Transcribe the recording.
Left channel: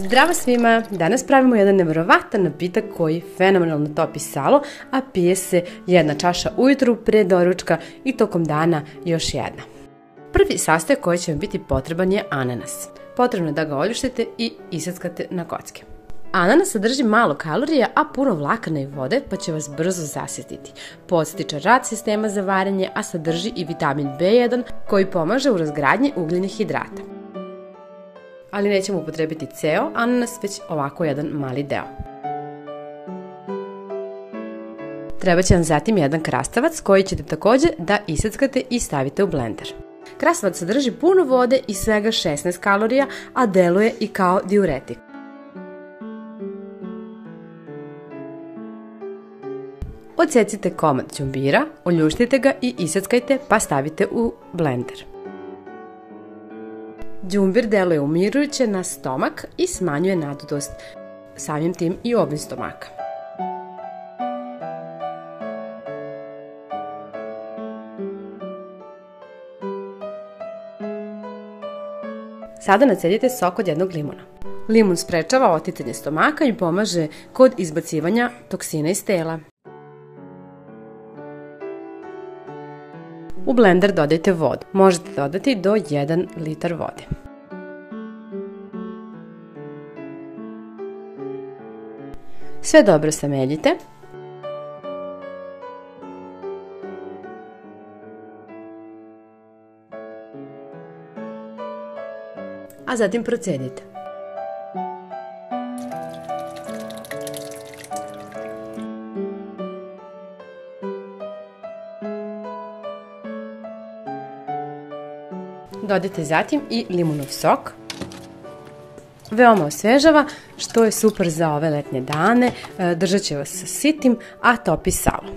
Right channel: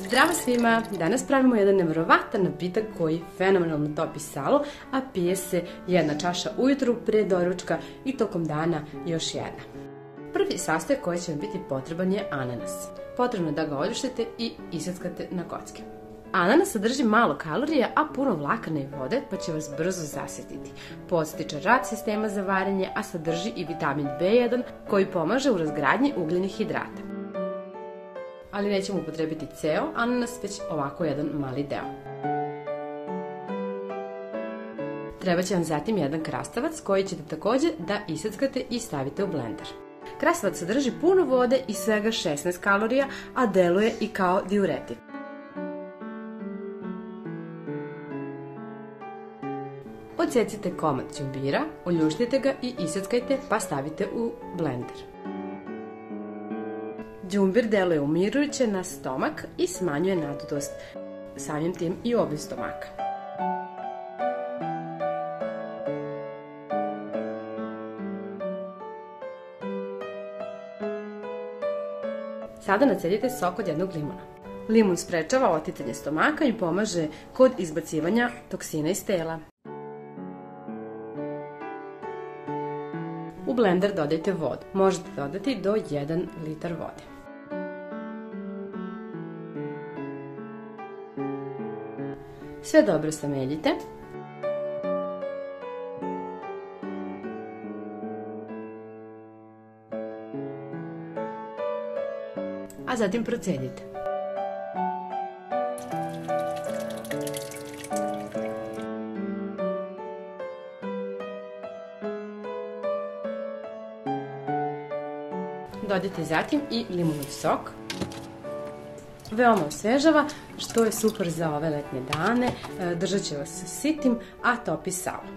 Zdravo svima! Danas pravimo jedan nevjerovatan napitak koji fenomenalno topi salo, a pije se jedna čaša ujutru pre doručka i tokom dana još jedna. Prvi sastojak koji će vam biti potreban je ananas. Potrebno je da ga oljuštite i iseckate na kocke. Ananas sadrži malo kalorija, a puno vlakana i vode, pa će vas brzo zasititi. Podstiče rad sistema za varenje, a sadrži i vitamin B1 koji pomaže u razgradnji ugljenih hidrata. Ali nećemo upotrebiti ceo ananas, već ovako jedan mali deo. Treba će vam zatim jedan krastavac koji ćete također da iseckate i stavite u blender. Krastavac sadrži puno vode i svega 16 kalorija, a deluje i kao diuretik. Odsecite komad đumbira, oljuštite ga i iseckajte pa stavite u blender. Đumbir deluje umirujuće na stomak i smanjuje nadutost, samim tim i obim stomaka. Sada nacedite sok od jednog limuna. Limun sprečava oticanje stomaka i pomaže kod izbacivanja toksina iz tela. U blender dodajte vodu. Možete dodati do 1 litar vode. Sve dobro sameljite. A zatim procedite. Dodajte zatim i limunov sok. Veoma osvežava, što je super za ove letnje dane, držat će vas sitim, a topi salo.